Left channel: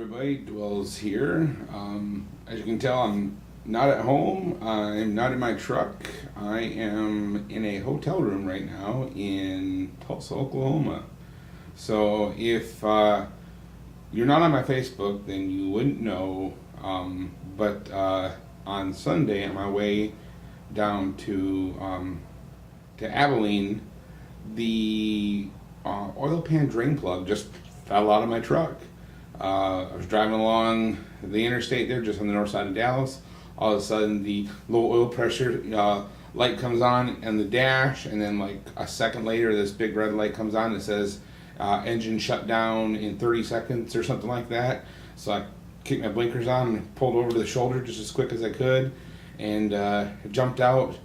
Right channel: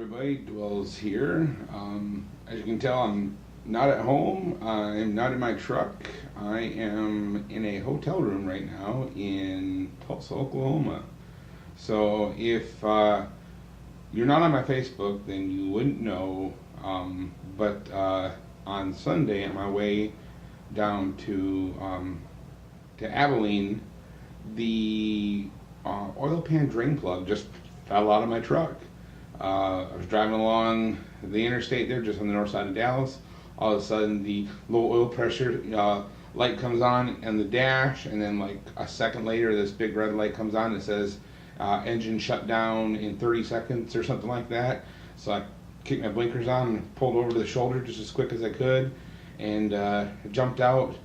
everybody, Dwells here. As you can tell, I'm not at home. I'm not in my truck. I am in a hotel room right now in Tulsa, Oklahoma. So if you're not on my Facebook, then you wouldn't know. But on Sunday, on my way down to Abilene, the oil pan drain plug just fell out of my truck. I was driving along the interstate there, just on the north side of Dallas. All of a sudden, the low oil pressure light comes on in the dash, and then like a second later, this big red light comes on that says engine shut down in 30 seconds or something like that. So I kicked my blinkers on and pulled over to the shoulder just as quick as I could, and jumped out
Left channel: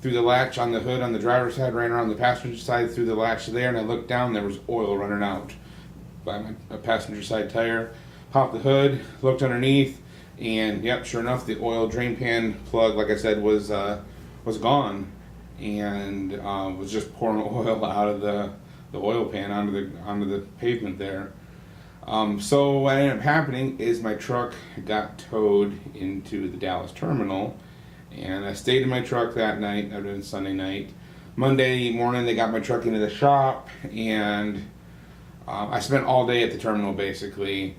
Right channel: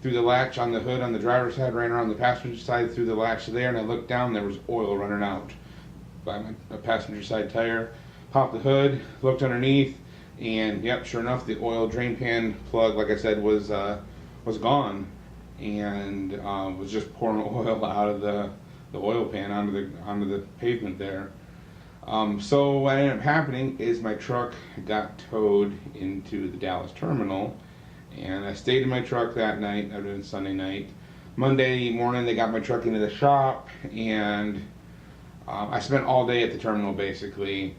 through the latch on the hood on the driver's side, ran around the passenger side through the latch there, and I looked down, there was oil running out by my passenger side tire. Popped the hood, looked underneath, and yep, sure enough, the oil drain pan plug, like I said, was gone, and was just pouring oil out of the oil pan onto the pavement there. So what ended up happening is my truck got towed into the Dallas terminal, and I stayed in my truck that night. It was Sunday night. Monday morning, they got my truck into the shop, and I spent all day at the terminal basically,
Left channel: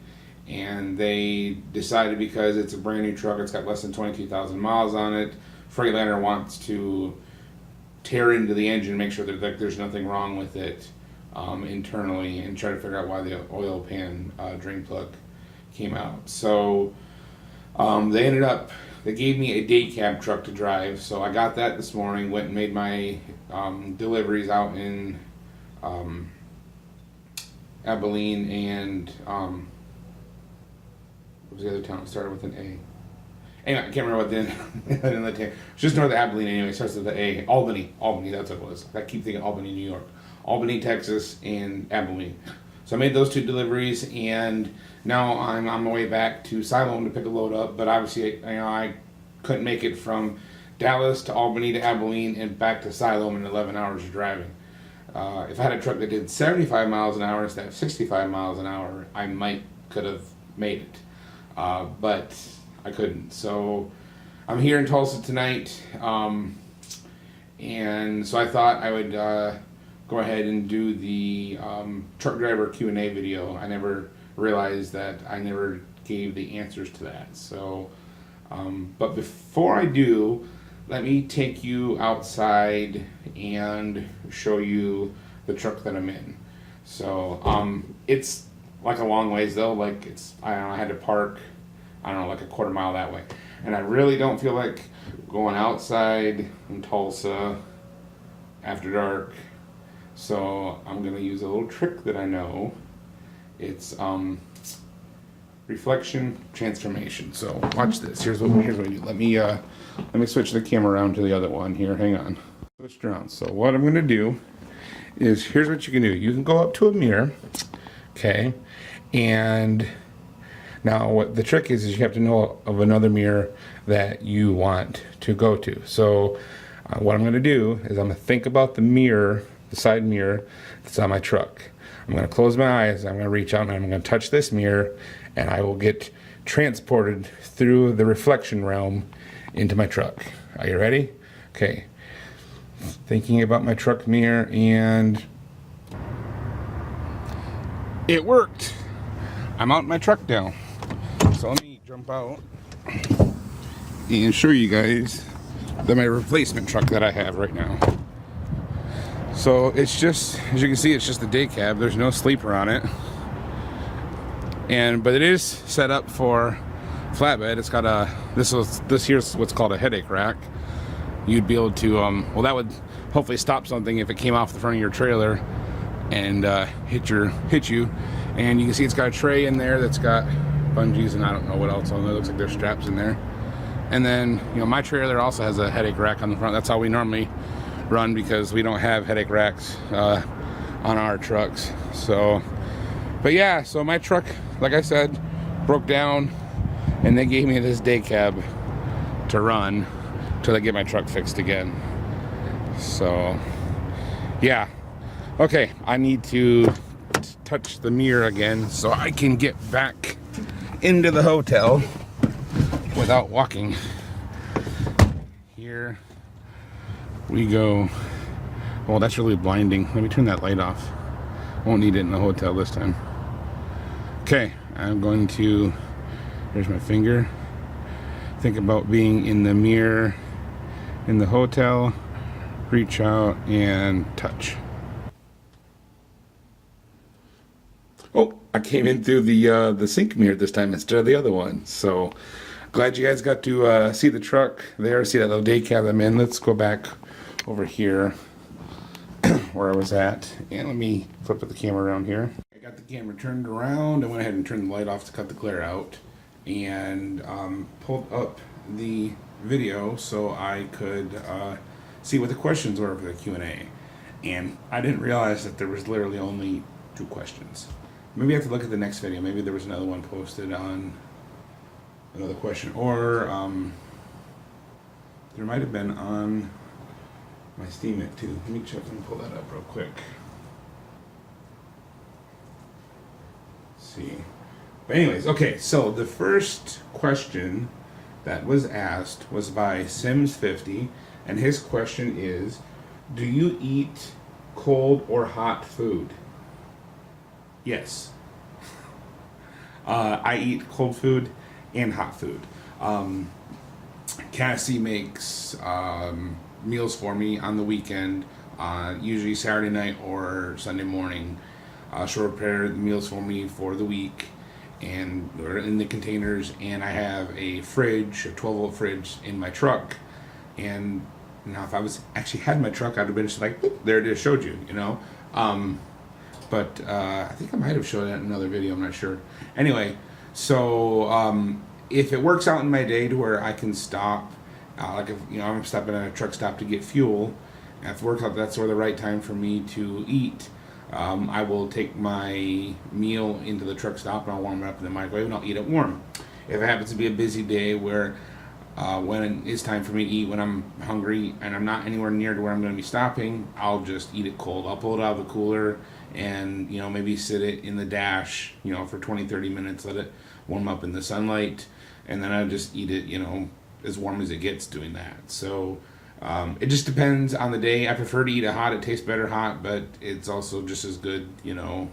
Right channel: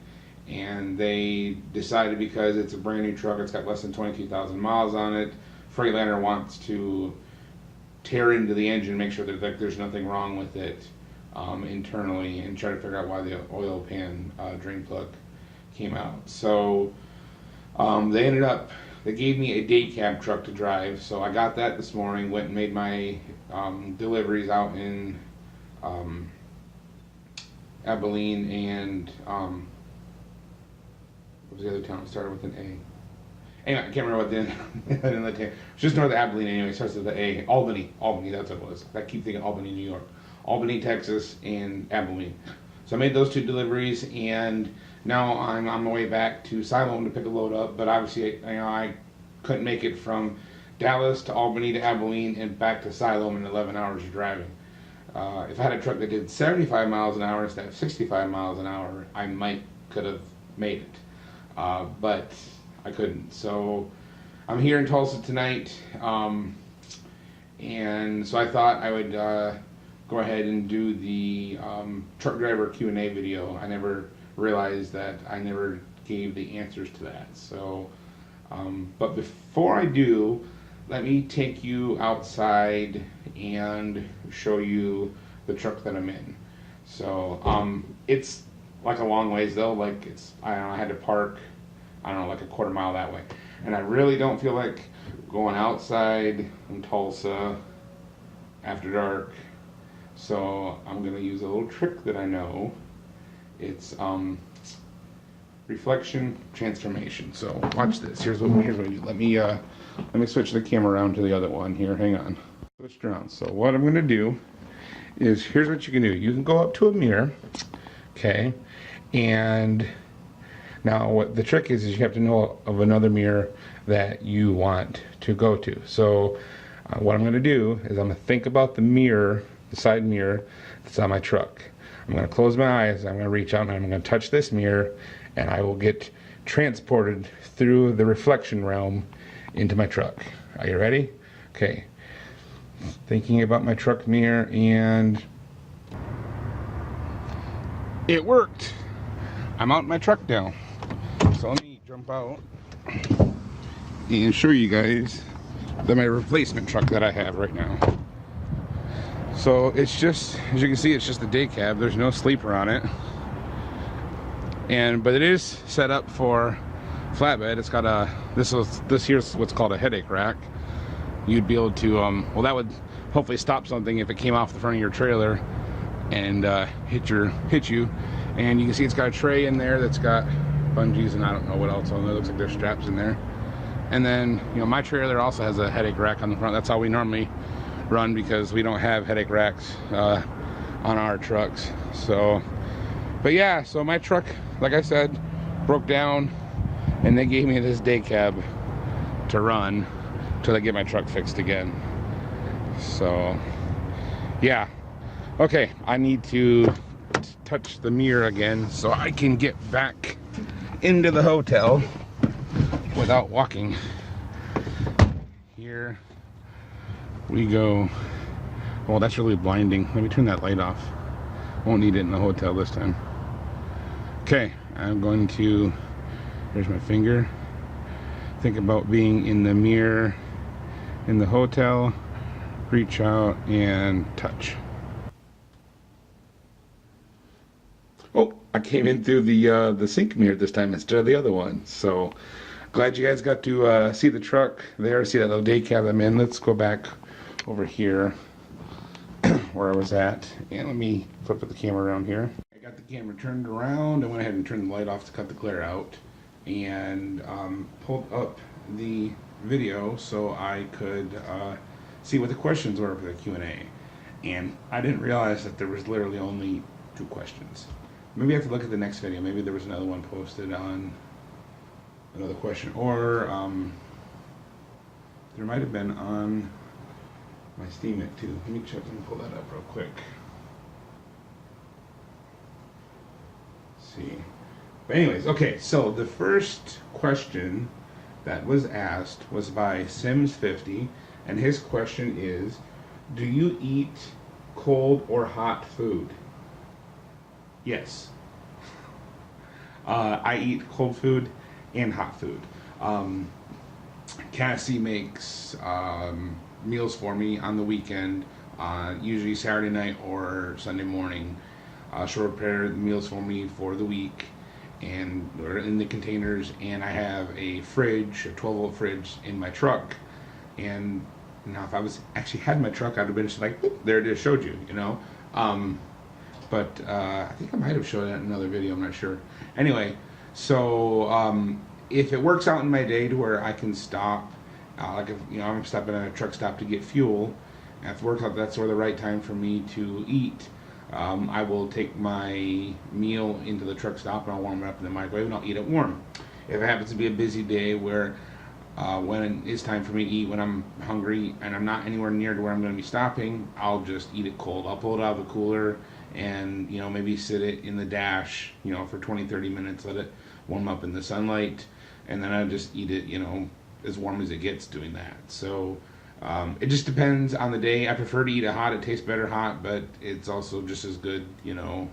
and they decided, because it's a brand new truck, it's got less than 22,000 miles on it, Freightliner wants to tear into the engine, make sure that there's nothing wrong with it internally, and try to figure out why the oil pan drain plug came out. So they gave me a day cab truck to drive, so I got that this morning, went and made my deliveries out in Abilene and what was the other town? It started with an A. Anyway, I can't remember what the it's just north of Abilene anyway. It starts with the A. Albany, that's what it was. I keep thinking Albany, New York. Albany, Texas, and Abilene. So I made those two deliveries, and now I'm on my way back to Siloam to pick a load up. But obviously, I couldn't make it from Dallas to Albany to Abilene and back to Siloam in 11 hours of driving. If I had a truck that did 75 miles an hour instead of 65 miles an hour, I could have made it. But I couldn't. So I'm here in Tulsa tonight, and so I thought I would go ahead and do the truck driver Q&A video. I never realized that I never gave the answers to that. So, but before I do, let me take you outside and show you the truck that I'm in. So it's like a long ways though. Like I don't know, I had to park, I don't know, like a quarter mile that way, and I really don't feel like going outside in Tulsa after dark. So I'm gonna use a little trick that I know. It's reflection transformation. So watch this. Here's what we do. Let me switch the camera around to the other one here. Hang on. Switch it around. So what I'm gonna do is, here's what you can do. You can go up to a mirror, okay, and now what the trick is you have to know of another mirror that you want to go to. So what I'm going to do is I'm going to think about the mirror, the side mirror that's on my truck. I'm going to close my eyes, I'm going to reach out, and I'm going to touch this mirror, and I will get transported through the reflection realm into my truck. Are you ready? Okay. Thinking about my truck mirror, and it worked. I'm out in my truck now. So let me jump out and show you guys my replacement truck that I have right now. So it's just, as you can see, it's just a day cab. There's no sleeper on it, but it is set up for flatbed. It's got this here's what's called a headache rack. You'd be able to well, that would hopefully stop something if it came off the front of your trailer and hit you. And you can see it's got a tray in there that's got bungees and I don't know what else on there. It looks like there's straps in there. And then, my trailer also has a headache rack on the front. That's how we normally run, because we don't have headache racks on our trucks. So, but yeah, so my truck, like I said, broke down, and they gave me this day cab to run till I get my truck fixed again. So, yeah. Okay, I need to touch the mirror again so I can get back into the hotel without walking. Here we go. Well, that's really blinding. Let me turn that light off. Won't need it in the hotel this time. Okay, I'm going to, here's my finger. Think about being in the mirror in the hotel. Reach out and touch. Oh, I came in through the sink mirror this time instead of the other one. So glad you guys got to see the truck there, see that little day cab I'm in. Let's go back over here where I was at. And let me flip the camera around here. I got the camera turned around. I went ahead and turned the light off to cut the glare out. And pulled up the video so I could see what the questions were for the Q&A. And I didn't realize that there was literally only 2 questions. Maybe I have to look at the next video. Maybe there was another one posted on another question. Or there might have been on my Steam It too. Let me check and pull that up real quick. Let's see. But anyways, okay, so the first question that was asked was by Sims50, and his question is, do you eat cold or hot food? Yes. I eat cold food and hot food. Cassie makes meals for me on the weekend, usually Saturday night or Sunday morning. She'll prepare the meals for me for the week, and they're in the containers, and I have a fridge, a 12-volt fridge in my truck. And now if I was actually had my truck, I'd have been just like, boop, there it is, showed you, you know. But I think I might have shown that in another video, I'm not sure. Anyway, so if it works out in my day to where I can stop, like if I'm stopping at a truck stop to get fuel, and if it works out that's sort of the right time for me to eat, I will take my meal into the truck stop and I'll warm it up in the microwave and I'll eat it warm. If it happens to be a busy day where when it's time for me to eat, when I'm hungry and I'm not anywhere near to where I'm going to be stopping, I'll just eat it cold. I'll pull it out of the cooler and maybe sit it in the dash for 20-30 minutes, let it warm up in the sunlight, and then I just eat it as warm as it gets doing that. So it just depends on the day. I prefer to eat it hot. It tastes better hot, but it's also just as good, I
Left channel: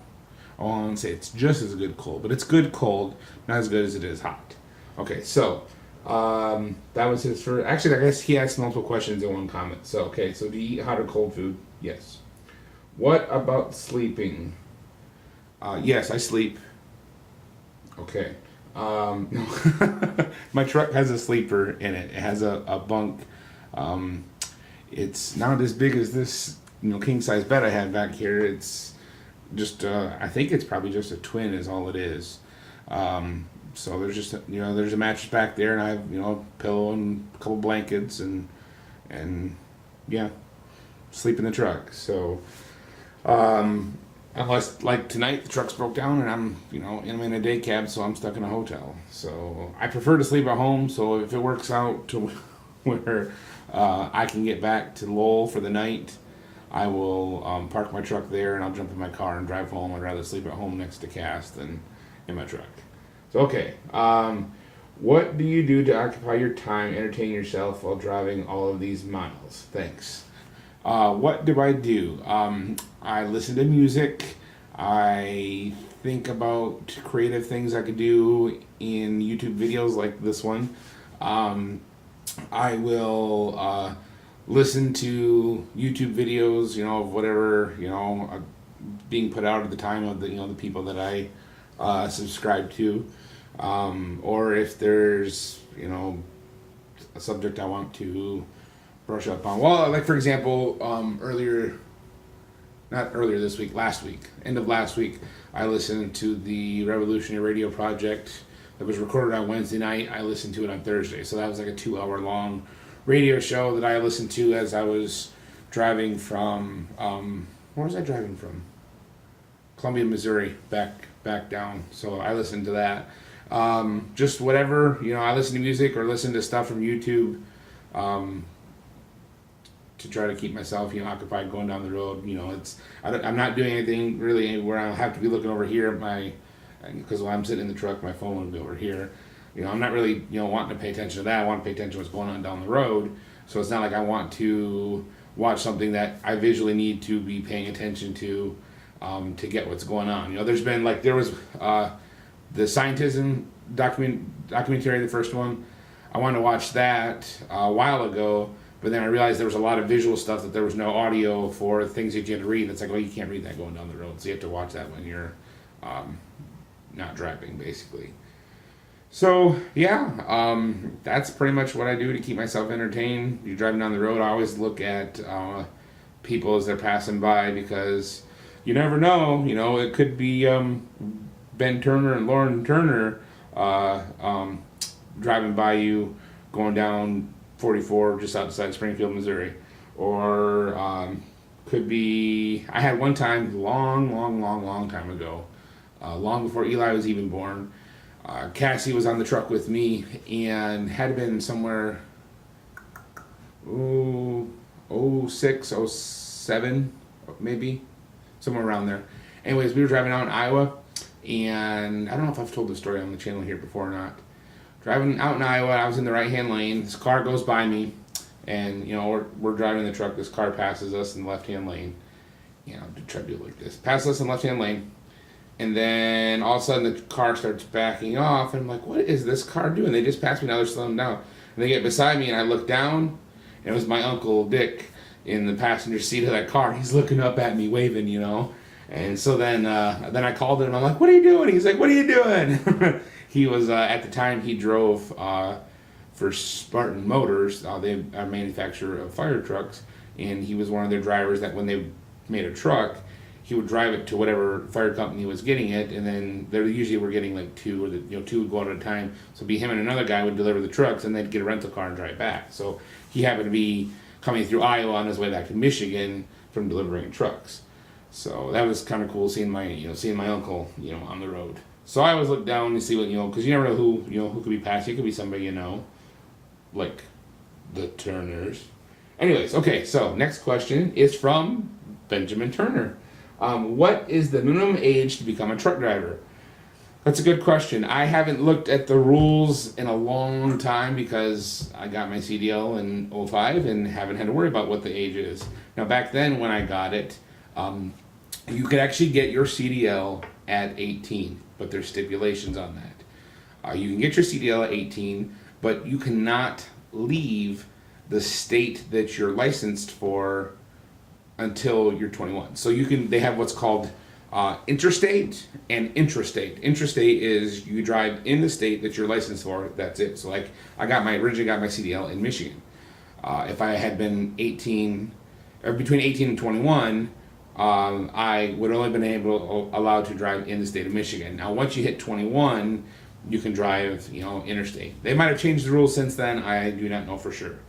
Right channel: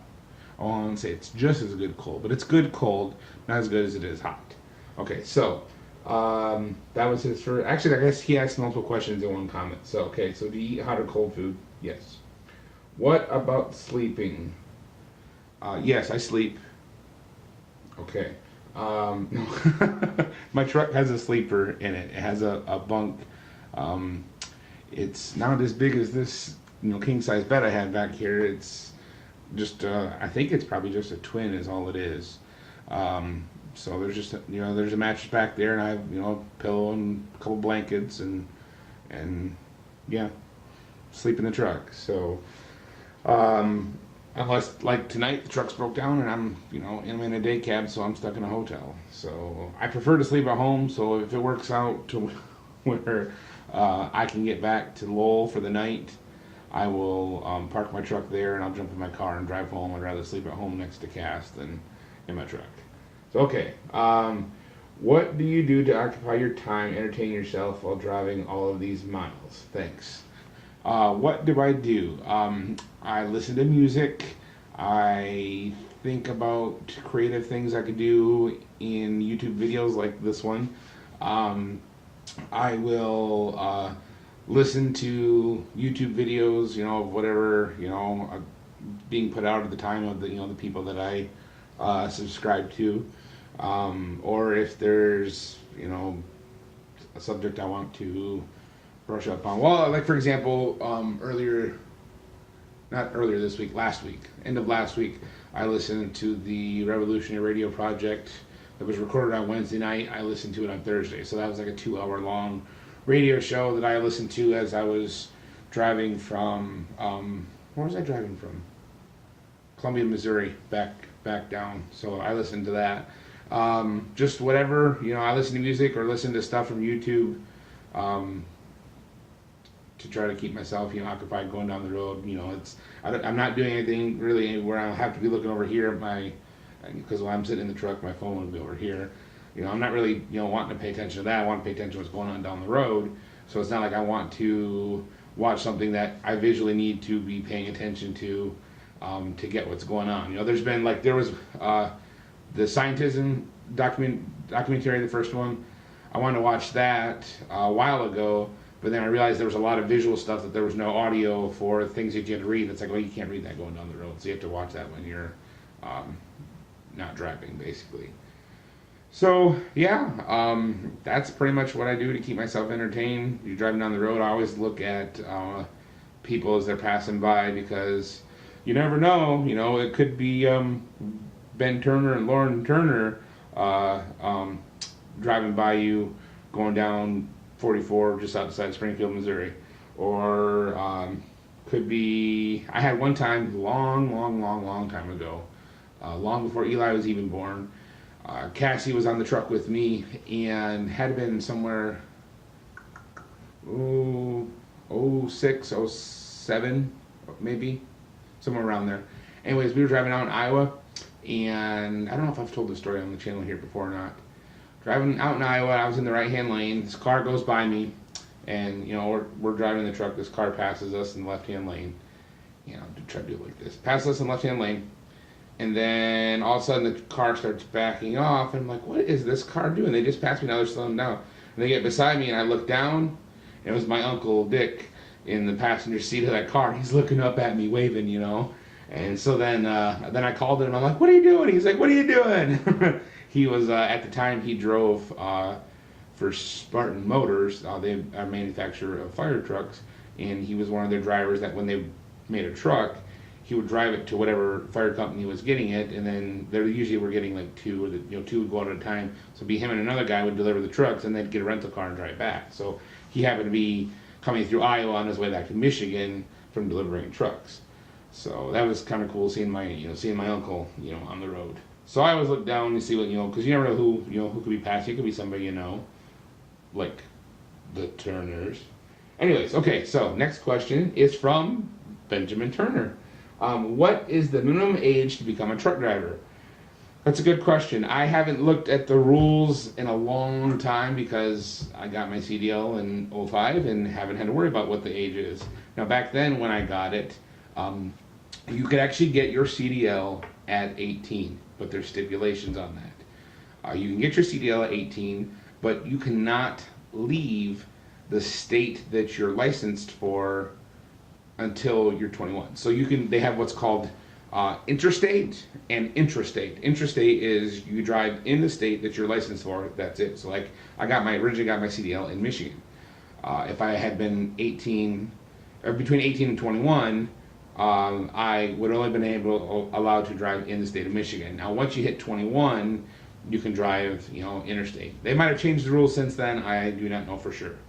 won't say it's just as good cold, but it's good cold, not as good as it is hot. Okay, so that was his first. Actually, I guess he asked multiple questions in one comment. So, okay, so do you eat hot or cold food? Yes. What about sleeping? Yes, I sleep. Okay. My truck has a sleeper in it. It has a bunk. It's not as big as this, king size bed I had back here. It's just, I think it's probably just a twin is all it is. So there's just, there's a mattress back there, and I have, a pillow and a couple blankets, and yeah, sleep in the truck. So, unless, like tonight, the truck's broke down, and I'm, I'm in a day cab, so I'm stuck in a hotel. So I prefer to sleep at home, so if it works out to where I can get back to Lowell for the night, I will park my truck there, and I'll jump in my car and drive home. I'd rather sleep at home next to Cass than in my truck. So, okay, what do you do to occupy your time, entertain yourself while driving all of these miles? Thanks. What do I do? I listen to music. I think about creative things I could do in YouTube videos like this one. I will listen to YouTube videos, of whatever, being put out at the time of the, the people that I subscribe to. Or if there's, a subject I want to brush up on. Well, like for example, not earlier this week, last week, end of last week, I listened to the Revolutionary Radio Project that was recorded on Wednesday night. I listened to it on Thursday. So that was like a 2-hour long radio show that I listened to as I was driving from, where was I driving from? Columbia, Missouri, back down. So I listened to that. Just whatever, I listen to music or listen to stuff from YouTube, to try to keep myself, occupied going down the road. I'm not doing anything really where I'll have to be looking over here at my because when I'm sitting in the truck, my phone would be over here. I'm not really, wanting to pay attention to that. I want to pay attention to what's going on down the road. So it's not like I want to watch something that I visually need to be paying attention to get what's going on. There's been there was the scientism documentary, the first one. I wanted to watch that a while ago, but then I realized there was a lot of visual stuff that there was no audio for things that you had to read. It's like, well, you can't read that going down the road, so you have to watch that when you're not driving, basically. So yeah, that's pretty much what I do to keep myself entertained. You're driving down the road, I always look at people as they're passing by, because you never know. It could be Ben Turner and Lauren Turner driving by you, going down 44 just outside Springfield, Missouri, or could be. I had one time, long time ago, long before Eli was even born. Cassie was on the truck with me and had been somewhere, 06, 07, maybe, somewhere around there. Anyways, we were driving out in Iowa, and I don't know if I've told this story on the channel here before or not. Driving out in Iowa, I was in the right-hand lane. This car goes by me, and we're driving the truck. This car passes us in the left-hand lane. Try to do it like this. Passes us in the left-hand lane. And then all of a sudden the car starts backing off, and I'm like, what is this car doing? They just passed me, now they're slowing down. And they get beside me, and I look down, and it was my Uncle Dick in the passenger seat of that car. He's looking up at me, waving, And so then I called him, I'm like, what are you doing? He's like, what are you doing? He was, at the time, he drove for Spartan Motors. They are a manufacturer of fire trucks, and he was one of their drivers that when they made a truck, he would drive it to whatever fire company was getting it, and then they usually were getting like two, or two would go out at a time. So it'd be him and another guy would deliver the trucks, and they'd get a rental car and drive back. So he happened to be coming through Iowa on his way back to Michigan from delivering trucks. So that was kind of cool, seeing my uncle on the road. So I always look down and see what because you never know who could be passing. It could be somebody like the Turners. Anyways, okay. So next question is from Benjamin Turner. What is the minimum age to become a truck driver? That's a good question. I haven't looked at the rules in a long time because I got my CDL in 05 and haven't had to worry about what the age is. Now back then when I got it, you could actually get your CDL at 18, but there's stipulations on that. You can get your CDL at 18, but you cannot leave the state that you're licensed for until you're 21. So they have what's called interstate and intrastate. Intrastate is you drive in the state that you're licensed for, that's it. So I originally got my CDL in Michigan. If I had been 18, or between 18 and 21, I would only been allowed to drive in the state of Michigan. Now once you hit 21, you can drive, interstate. They might have changed the rules since then, I do not know for sure.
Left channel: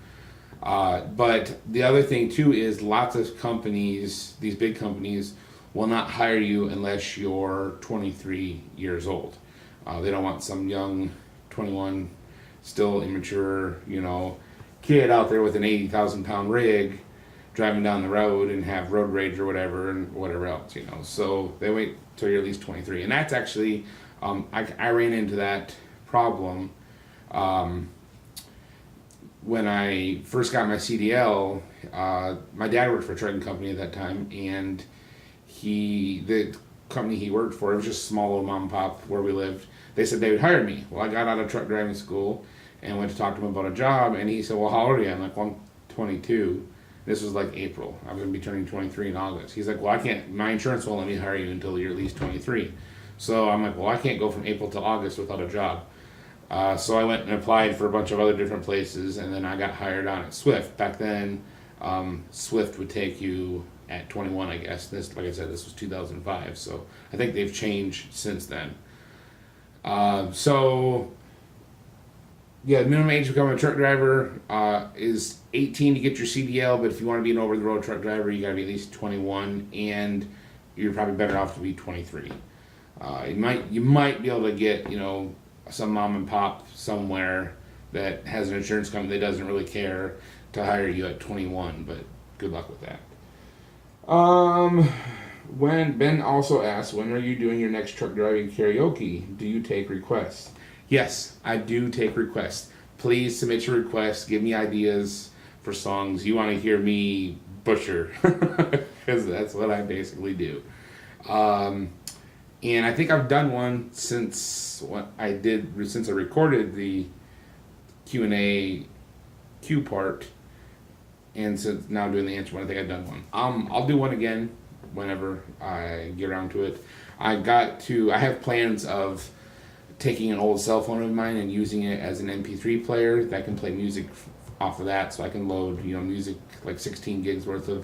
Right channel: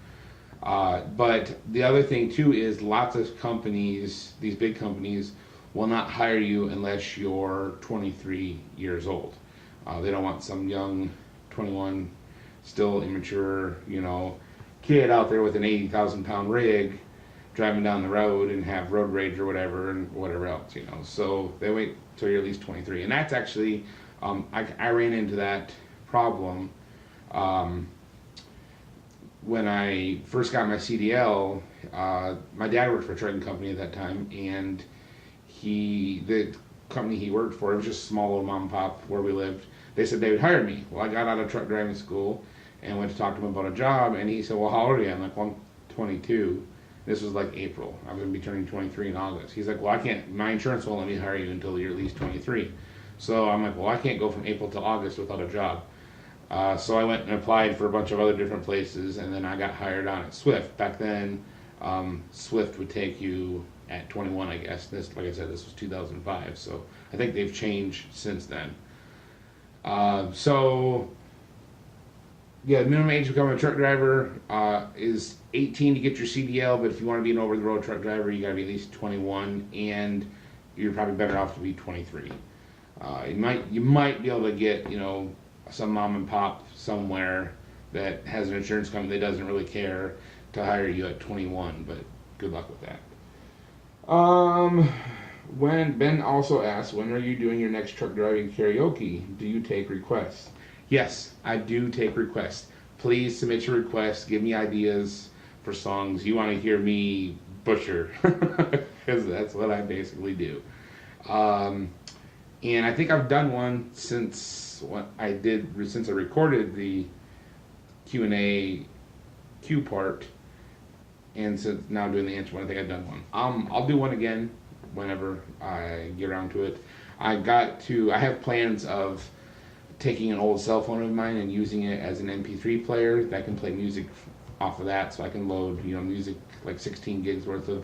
But the other thing too is lots of companies, these big companies, will not hire you unless you're 23 years old. They don't want some young 21, still immature, kid out there with an 80,000 pound rig driving down the road and have road rage or whatever and whatever else, So they wait till you're at least 23. And that's actually, I ran into that problem. When I first got my CDL, my dad worked for a trucking company at that time, and the company he worked for, it was just a small little mom and pop where we lived. They said they would hire me. Well, I got out of truck driving school and went to talk to him about a job, and he said, well, how old are you? I'm like, well, I'm 22. This was like April. I'm going to be turning 23 in August. He's like, well, I can't, my insurance won't let me hire you until you're at least 23. So I'm like, well, I can't go from April to August without a job. So I went and applied for a bunch of other different places, and then I got hired on at Swift. Back then, Swift would take you at 21, I guess. This, like I said, this was 2005, so I think they've changed since then. The minimum age to become a truck driver is 18 to get your CDL, but if you want to be an over-the-road truck driver, you got to be at least 21, and you're probably better off to be 23. You might be able to get, some mom and pop somewhere that has an insurance company that doesn't really care to hire you at 21, but good luck with that. when Ben also asks, when are you doing your next truck driving karaoke? Do you take requests? Yes, I do take requests. Please submit your requests. Give me ideas for songs you want to hear me butcher, because that's what I basically do. And I think I've done one since I recorded the Q&A Q part, and since now I'm doing the answer one, I think I've done one. I'll do one again whenever I get around to it. I have plans of taking an old cell phone of mine and using it as an MP3 player that can play music off of that, so I can load music like 16 gigs worth of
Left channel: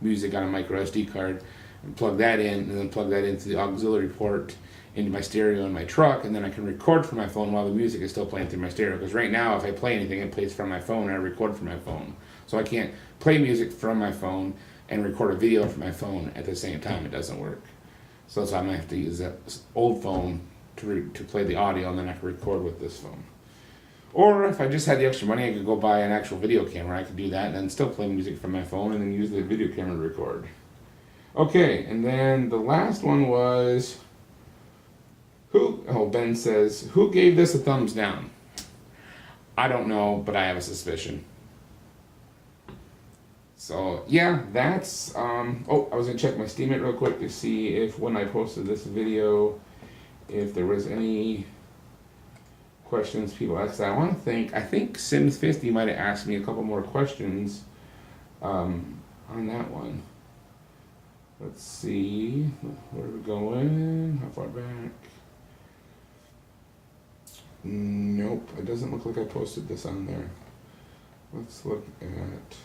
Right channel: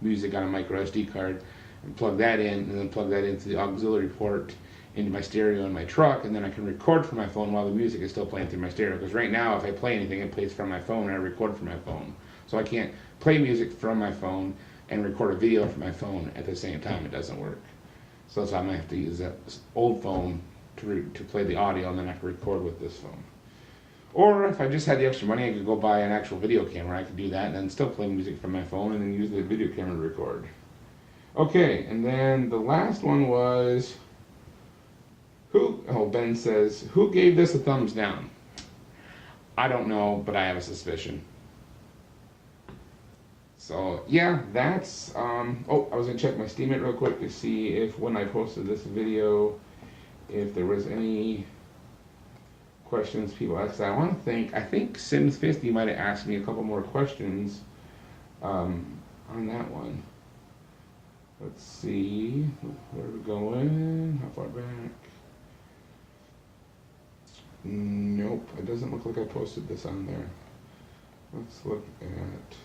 music on a micro SD card and plug that in, and then plug that into the auxiliary port into my stereo in my truck, and then I can record from my phone while the music is still playing through my stereo. Because right now, if I play anything, it plays from my phone, and I record from my phone. So I can't play music from my phone and record a video from my phone at the same time. It doesn't work. So that's why I'm going to have to use that old phone to play the audio, and then I have to record with this phone. Or if I just had the extra money, I could go buy an actual video camera. I could do that and then still play music from my phone and then use the video camera to record. Okay, and then the last one was... Ben says, who gave this a thumbs down? I don't know, but I have a suspicion. So, yeah, that's, I was going to check my Steemit real quick to see if when I posted this video, if there was any questions people asked. I think Sims50 might have asked me a couple more questions on that one. Let's see, where are we going? How far back? Nope, it doesn't look like I posted this on there. Let's look at...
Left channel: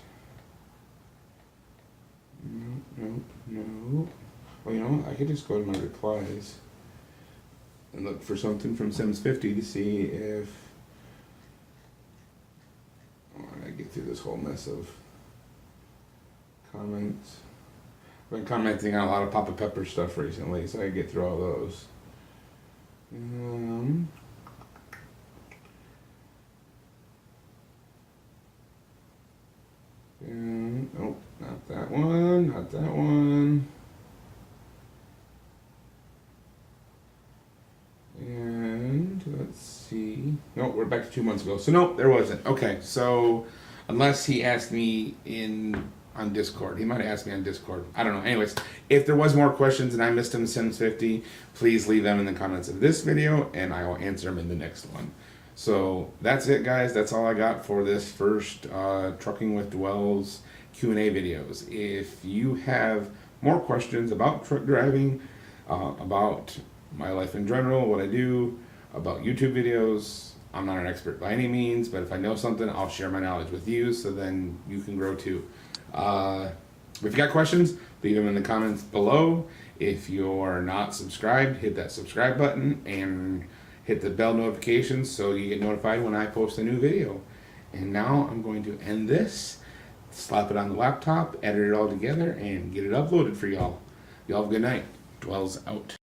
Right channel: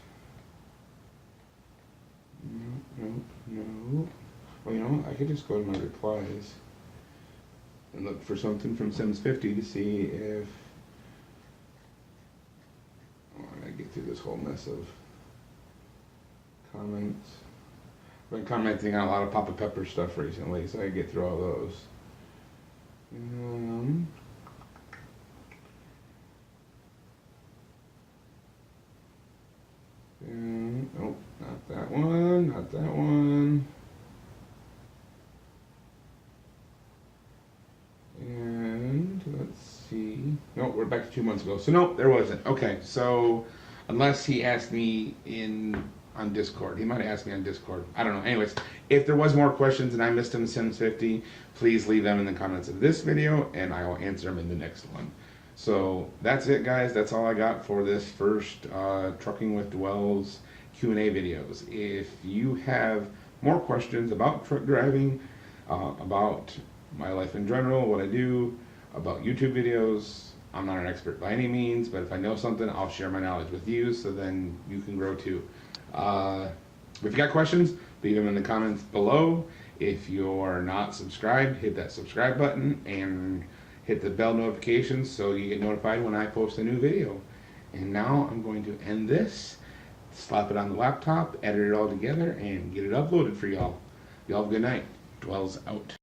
Nope. Well, you know what? I could just go to my replies and look for something from Sims50 to see if... I get through this whole mess of comments. I've been commenting on a lot of Papa Pepper stuff recently, so I get through all those. Nope, not that one, not that one. And let's see. Nope, we're back to 2 months ago. So nope, there wasn't. Okay, so unless he asked me on Discord. He might have asked me on Discord. I don't know. Anyways, if there was more questions and I missed them in Sims50, please leave them in the comments of this video and I will answer them in the next one. So that's it, guys. That's all I got for this first Trucking with Dwells Q&A videos. If you have more questions about truck driving, about my life in general, what I do, about YouTube videos, I'm not an expert by any means, but if I know something, I'll share my knowledge with you so then you can grow too. If you got questions, leave them in the comments below. If you're not subscribed, hit that subscribe button and hit the bell notifications so you get notified when I post a new video. And now I'm going to end this, slap it on the laptop, edit it all together, and get it uploaded for y'all. Y'all have a good night. Dwells out.